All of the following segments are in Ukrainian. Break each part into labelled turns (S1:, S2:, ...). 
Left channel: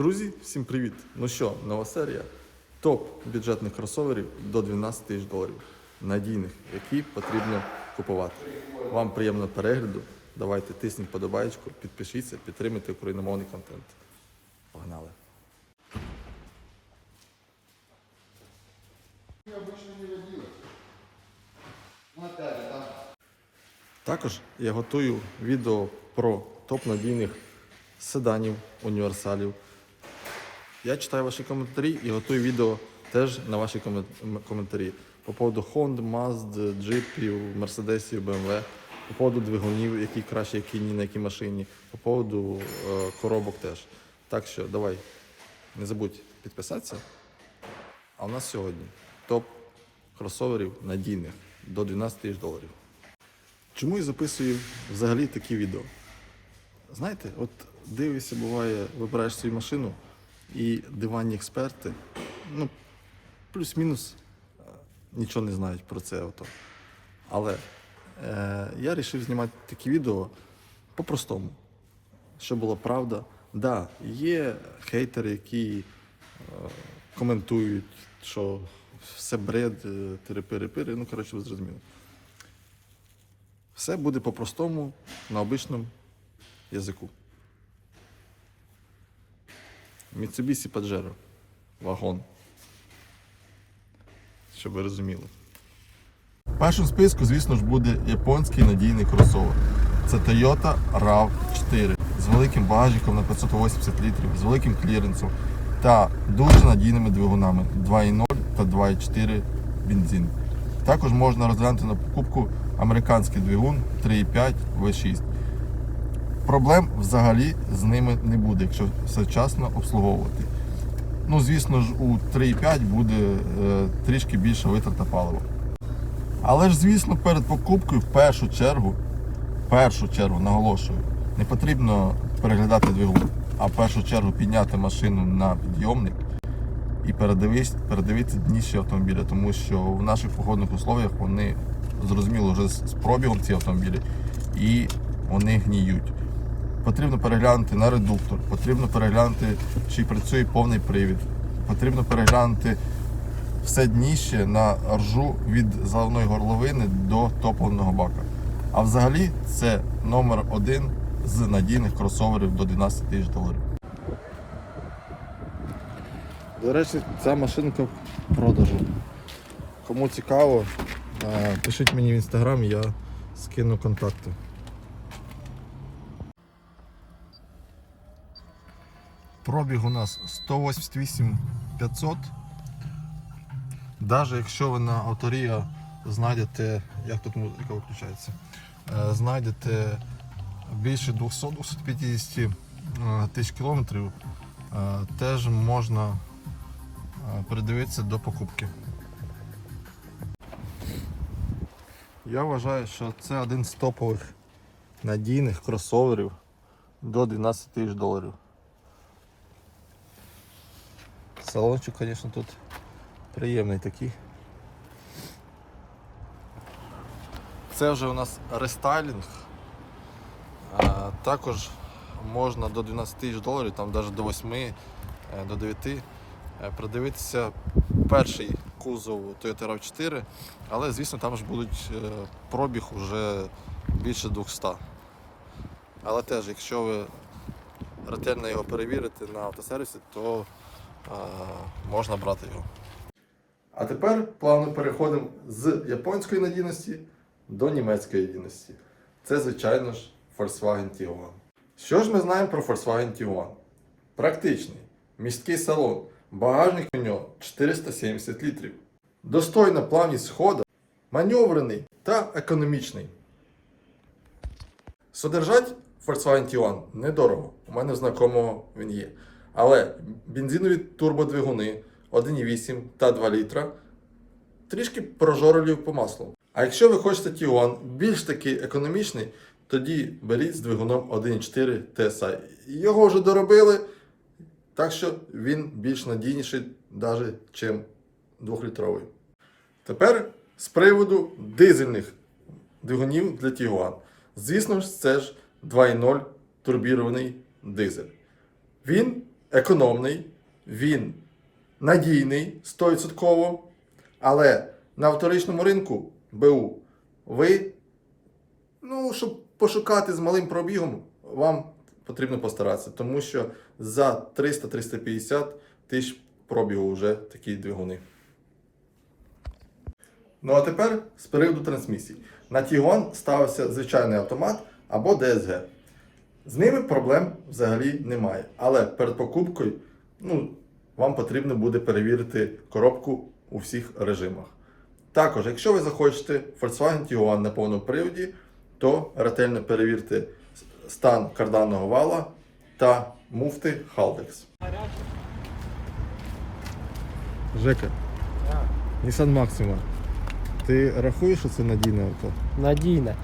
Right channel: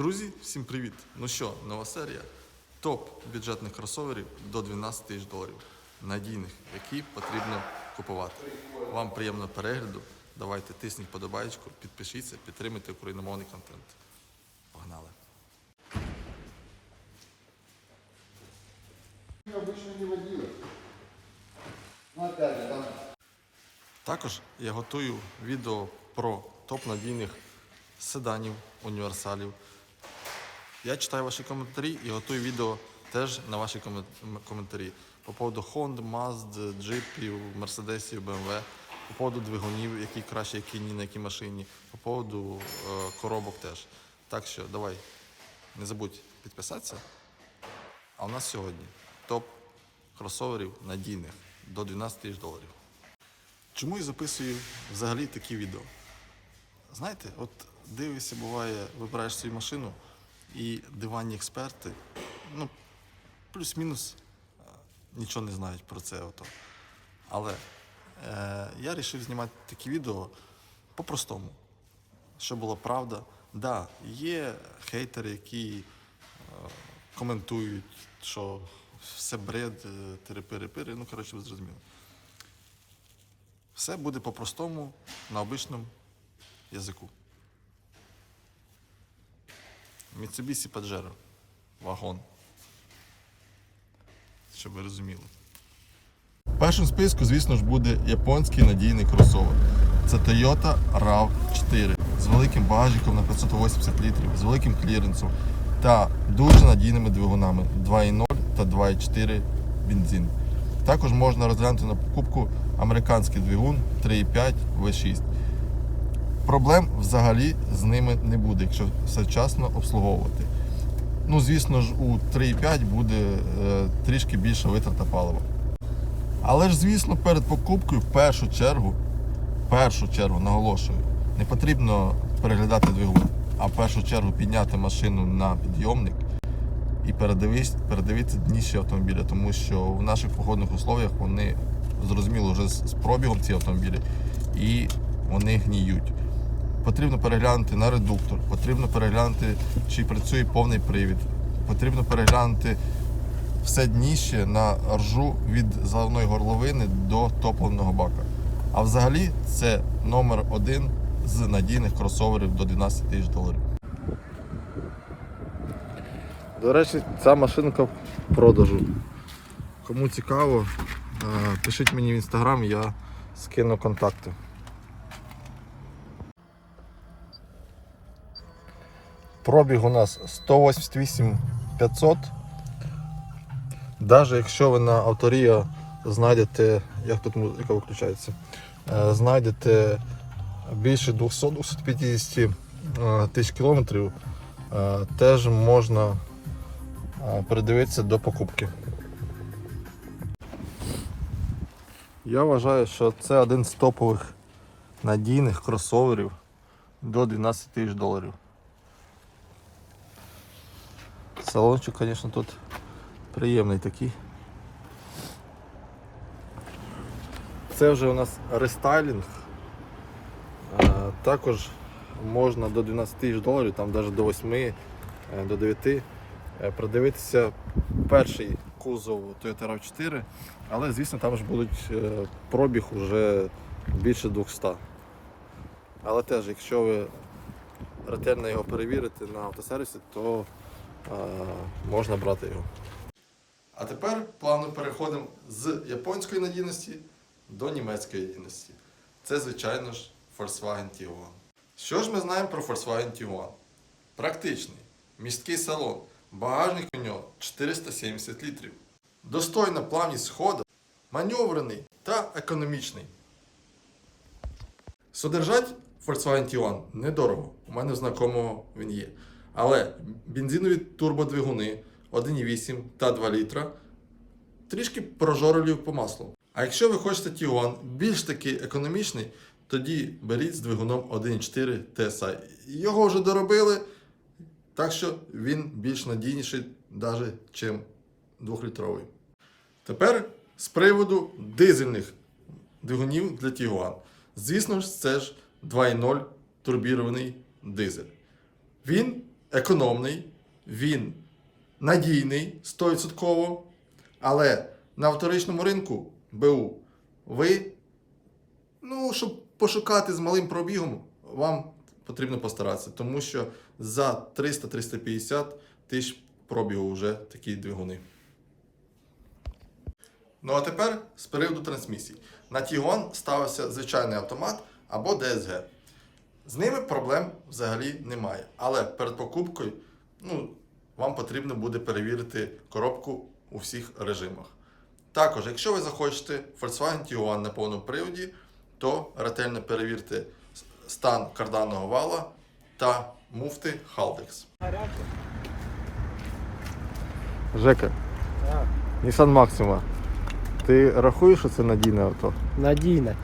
S1: Друзі, всім привіт! Ну що, нова серія. Топ бюджетних кросоверів до 12 тисяч доларів. Надійних, які потрібно купувати. Вам приємного перегляду. Давайте тисніть подобаєчку, підпишіться, підтримуйте україномовний контент. Погнали! Також я готую відео про топ надійних седанів, універсалів. Я читаю ваші коментарі і готую відео теж на ваші коментарі. По поводу Honda, Mazda, джипів, Мерседесів, BMW, по поводу двигунів, які краще, які ні на якій машині, по поводу е, коробок теж. Так що давай, не забудь підписатися. А у нас сьогодні топ кросоверів надійних до 12 тисяч доларів. Чому я записую взагалі такі відео? Знаєте, от дивишся, буває, вибираєш свою машину і диванні експерти, ну, плюс-мінус е, нічого не знають про це авто. Але е, я вирішив знімати такі відео по-простому, щоб була правда. Да, є хейтери, які е, коментують, що все бред, е, тири-пири-пири, ну, коротше, ви зрозуміли. Все буде по-простому, на обичному язику. Mitsubishi Pajero. Вагон. Щоб ви розуміли. В першому списку, звісно ж, буде японський надійний кросовер. Це Toyota RAV4 з великим багажником на 580 літрів, з великим кліренсом та дуже надійними двигунами 2.0 та 2.4 бензин. Також можна розглянути на покупку американський двигун 3.5 V6. Проблем взагалі з ними не буде, якщо все вчасно обслуговувати. Ну, звісно ж, у 3.5 буде е, трішки більша витрата палива. Але ж, звісно, перед покупкою в першу чергу, першу чергу, наголошую, не потрібно переглядати двигун, а в першу чергу підняти машину на підйомник і передивись, передивитися дніші автомобіля, тому що в наших погодних условиях вони зрозуміло вже з пробігом ці автомобілі і вони гніють. Потрібно переглянути на редуктор, потрібно переглянути, чи працює повний привід, потрібно переглянути все дніще на ржу від заливної горловини до топливного бака. А взагалі це номер один з надійних кросоверів до 12 тисяч доларів. До речі, ця машинка в продажу. Кому цікаво, е, пишіть мені в інстаграм, я скину контакти. Пробіг у нас 188 500. Навіть якщо ви на авторія знайдете, як тут музика виключається, е, знайдете більше 200-250 е, тисяч кілометрів, е, теж можна передивитися до покупки. Я вважаю, що це один з топових надійних кросоверів до 12 тисяч доларів. Салончик, звісно, тут приємний такий. Це вже у нас рестайлінг. Е, Також можна до 12 тисяч доларів, там навіть до 8, е, до 9 е, продивитися перший кузов Toyota RAV4, але звісно там ж будуть пробіг уже більше 200. Але теж, якщо ви ретельно його перевірите на автосервісі, то можна брати його. А тепер плавно переходимо з японської надійності до німецької надійності. Це, звичайно ж, Volkswagen Tiguan. Що ж ми знаємо про Volkswagen Tiguan? Практичний, місткий салон, багажник у нього 470 літрів. Достойна плавність хода, маневрений та економічний. Содержать Volkswagen Tiguan недорого. У мене в знакомого він є. Але бензинові турбодвигуни 1,8 та 2 літра трішки прожорливі по маслу. А якщо ви хочете Tiguan більш такий економічний, тоді беріть з двигуном 1,4 TSI. Його вже доробили, так що він більш надійніший, навіть чим 2-літровий. Тепер з приводу дизельних двигунів для Tiguan. Звісно ж, це ж 2.0 турбірований дизель. Він економний, він надійний 100%, але на вторичному ринку БУ ви, ну, щоб пошукати з малим пробігом, вам потрібно постаратися, тому що за 300-350 тисяч пробігу вже такі двигуни. Ну а тепер з приводу трансмісій. На Tiguan ставився звичайний автомат або DSG. З ними проблем взагалі немає. Але перед покупкою ну, вам потрібно буде перевірити коробку у всіх режимах. Також, якщо ви захочете Volkswagen Tiguan на повному приводі, то ретельно перевірте стан карданного вала та муфти Haldex. Жека, Nissan Maxima. Ти рахуєш, що це надійне авто?
S2: Надійне.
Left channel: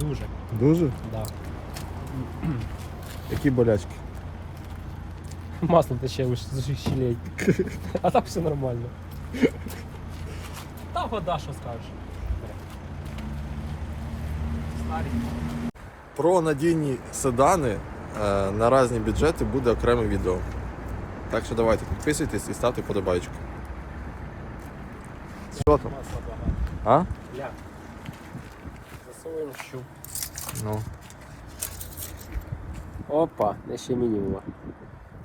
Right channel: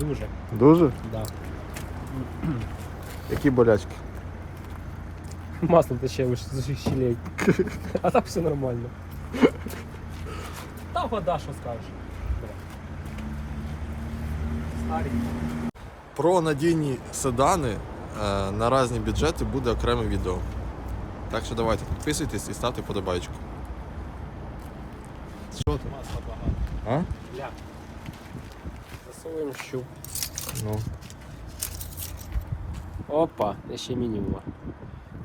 S2: Дуже.
S1: Дуже?
S2: Да.
S1: Які болячки?
S2: Масло тече з усіх щелей. А так все нормально. Та вода, що скажеш. Старі.
S1: Про надійні седани е, на різні бюджети буде окреме відео. Так що давайте підписуйтесь і ставте подобайку. Що там?
S2: Масла багато.
S1: А?
S2: Ля. Засовуємо щуп.
S1: Ну.
S2: Опа, не ще мінімума.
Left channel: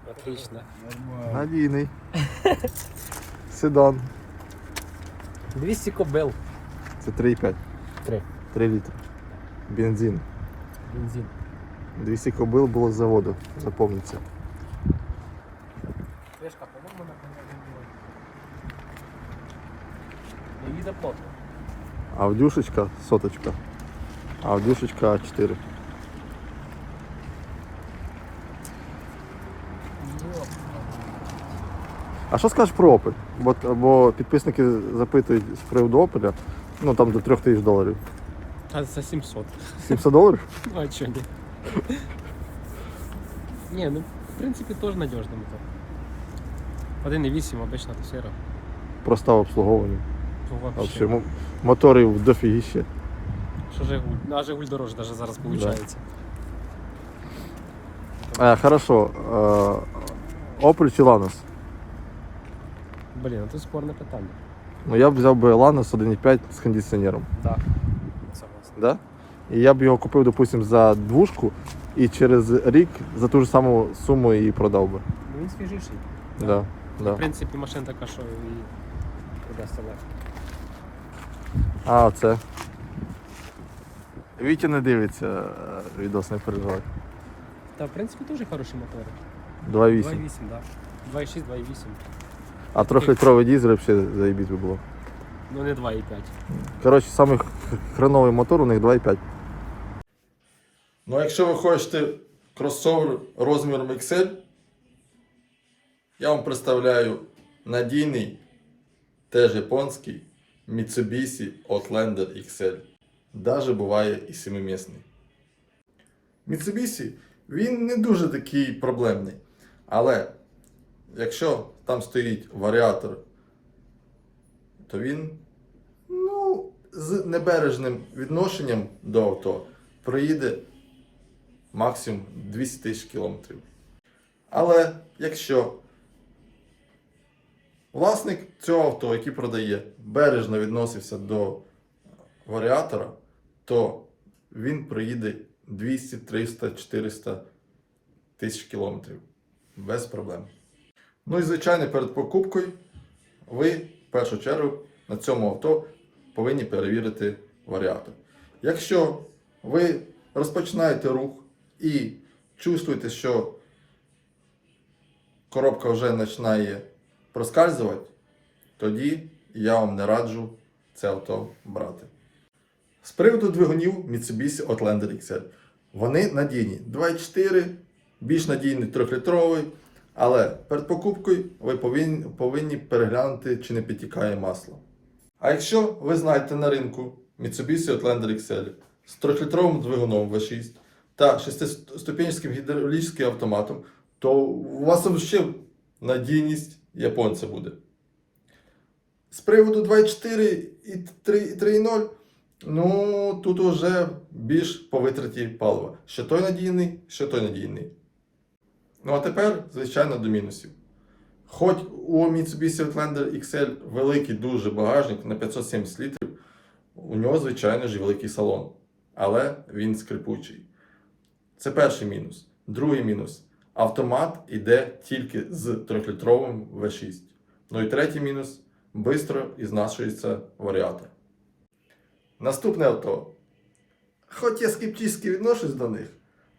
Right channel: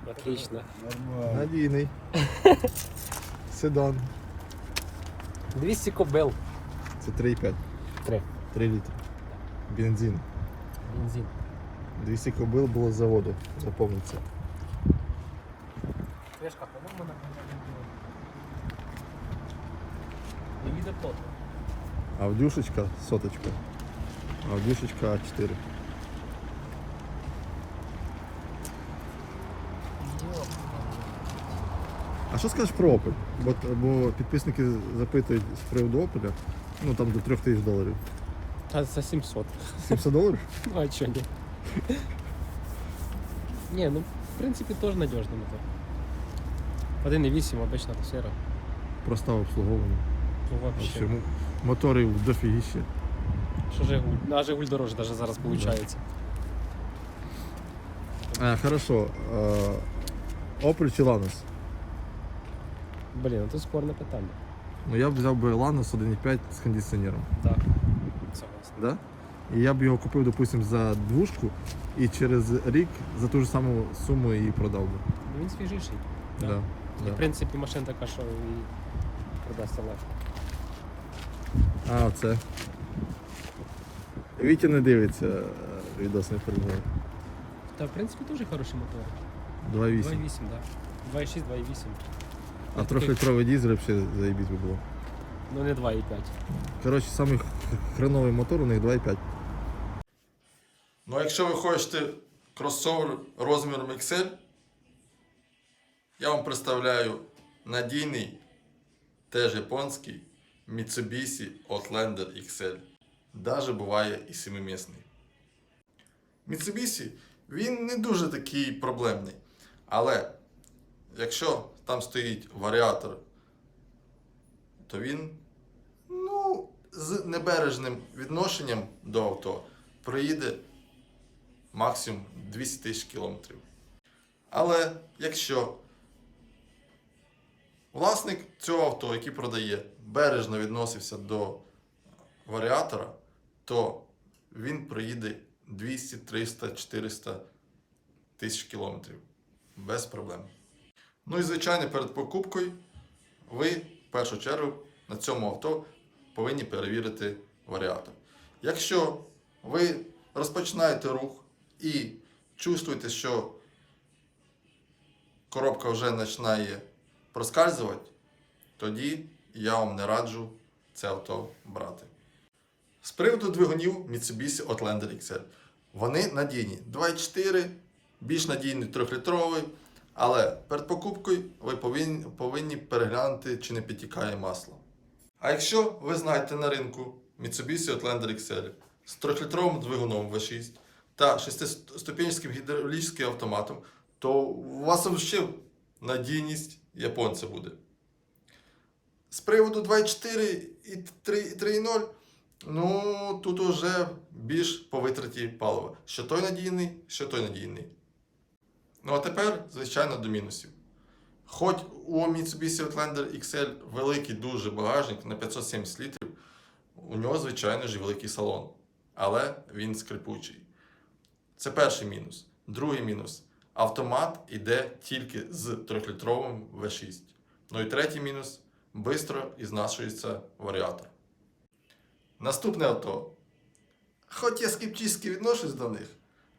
S2: Отлично.
S1: Надійний. Седан.
S2: 200 кобил.
S1: Це 3,5.
S2: Три.
S1: 3 літри. Бензин.
S2: Бензин.
S1: 200 кобил було з заводу, запомніться.
S2: Кришка, по-моєму, на понятном Не їде плотно.
S1: Авдюшечка соточка. Авдюшечка 4. А що скажеш про Opel? Бо, бо підписники запитують з приводу Opel, ну там до 3 тисяч доларів.
S2: А за 700.
S1: 700 доларів?
S2: А чё нет? Не, ну, в принципе, тоже надежный мотор. 1.8 обычно серый.
S1: Просто обслуговування.
S2: Ну,
S1: Вообще,
S2: вообще.
S1: мо- моторів дофігіще.
S2: Что Жигуль? Ну, а Жигуль дороже даже зараз получается.
S1: А, хорошо. Е, Opel чи Lanos?
S2: Блин, это спорное питание.
S1: Ну я б взяв би Lanos 1.5 з кондиціонером.
S2: Да. Согласен.
S1: Да? І я б його купив, допустим, за двушку і через рік за ту ж саму суму і продав би.
S2: Ну, він свіжіший.
S1: Да, да.
S2: В принципі, машина така, що і використовує.
S1: А, це. Вітя не дивиться відос, не переживай.
S2: Та, в принципі, теж хороші мотори.
S1: 2.8.
S2: 2.8, да. 2.6, 2.8.
S1: А трьохлітровий дізель взагалі заєбісь би було.
S2: Ну, не 2.5.
S1: Коротше, самий хреновий мотор у них 2.5. Ну, а якщо ви хочете кросовер розміром XL, я вам представляю надійний, теж японський Mitsubishi Outlander XL. Даже буває і семимісний. Mitsubishi він не дуже такий проблемний. Але якщо там стоїть варіатор, то він ну, з небережним відношенням до авто проїде максимум 200 тисяч кілометрів. Але якщо власник цього авто, який продає, бережно відносився до варіатора, то він проїде 200, 300, 400 тисяч кілометрів без проблем. Ну і звичайно, перед покупкою ви в першу чергу на цьому авто повинні перевірити варіатор. Якщо ви розпочинаєте рух і чувствуєте, що коробка вже починає проскальзувати, тоді я вам не раджу це авто брати. З приводу двигунів Mitsubishi Outlander XL. Вони надійні. 2.4, більш надійний 3-літровий, але перед покупкою ви повинні, повинні переглянути, чи не підтікає масло. А якщо ви знаєте на ринку Mitsubishi Outlander XL з 3-літровим двигуном V6 та 6-ступенчатим гідравлічним автоматом, то у вас ще надійність японця буде. З приводу 2.4 і 3.0, ну тут уже більш по витраті палива. Що той надійний, що той надійний. Ну а тепер, звичайно, до мінусів. Хоч у Mitsubishi Outlander XL великий дуже багажник на 570 літрів, у нього, звичайно ж, великий салон, але він скрипучий. Це перший мінус. Другий мінус. Автомат іде тільки з 3-літровим V6. Ну і третій мінус швидко ізнашується варіатор. Наступне авто. Хоч я скептично відношусь до них,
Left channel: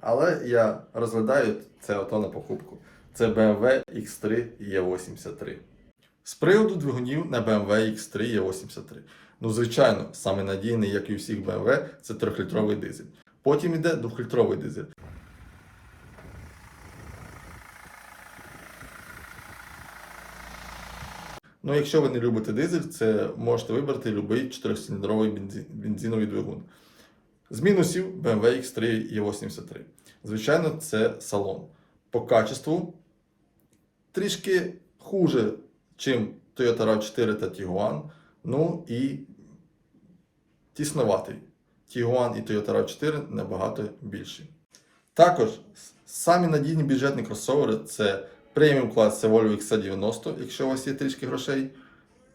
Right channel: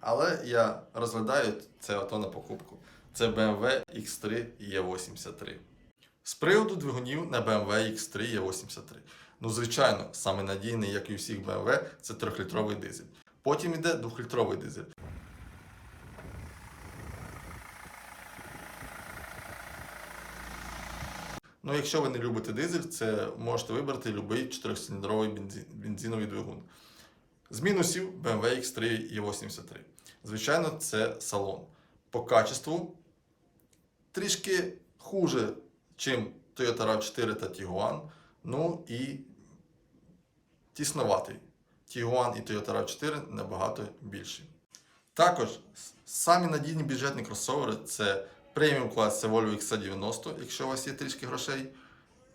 S1: але я розглядаю це авто на покупку. Це BMW X3 E83. З приводу двигунів на BMW X3 E83. Ну, звичайно, саме надійний, як і у всіх BMW, це 3-літровий дизель. Потім йде 2-літровий дизель. Ну, якщо ви не любите дизель, це можете вибрати будь-який 4-циліндровий бензин, бензиновий двигун. З мінусів BMW X3 E83. Звичайно, це салон. По качеству трішки хуже, чим Toyota RAV4 та Tiguan. Ну і тісноватий. Tiguan і Toyota RAV4 набагато більші. Також самі надійні бюджетні кросовери це преміум клас це Volvo XC90, якщо у вас є трішки грошей.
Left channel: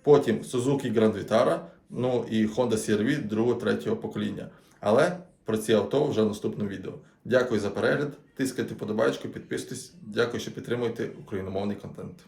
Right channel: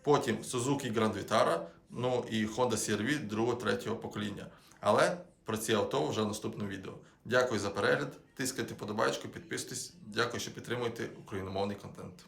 S1: Потім Suzuki Grand Vitara, ну і Honda CR-V 2-3 покоління. Але про ці авто вже в наступному відео. Дякую за перегляд. Тискайте подобайку, підписуйтесь. Дякую, що підтримуєте україномовний контент.